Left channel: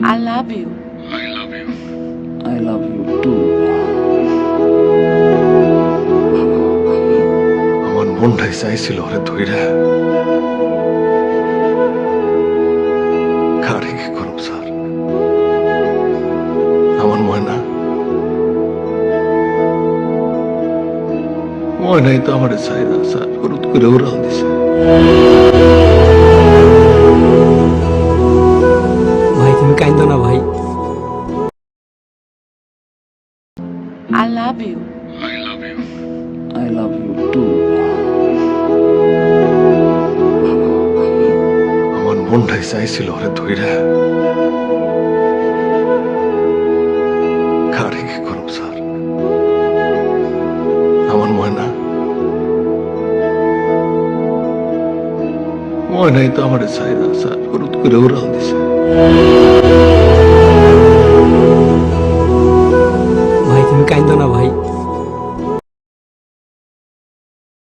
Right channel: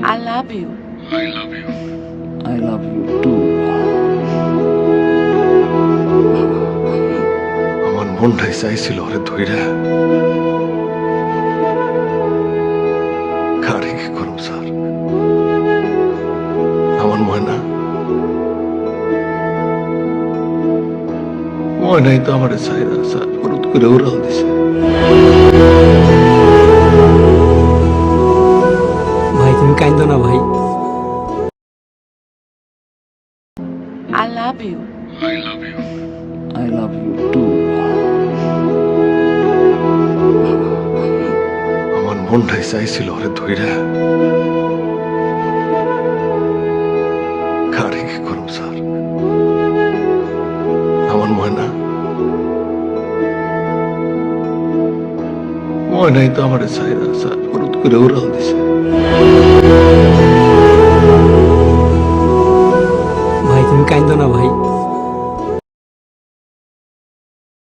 I love you. I love you. I love you too. আমার মনটাই চাইছিল ওরে ধইরা কারে কি করব স্যার আমার ময়নাই তো আমার চাইরা স্যার হলুদ করে উড়াল দিছে। ভাই তুমি কাইন্দো না ভাই। I love you. I love you. I love you too. আমার মনটাই চাইছিল ওরে ধইরা কারে কি করব স্যার আমার ময়নাই তো আমার চাইরা স্যার হলুদ করে উড়াল দিছে। ভাই তুমি কাইন্দো না ভাই।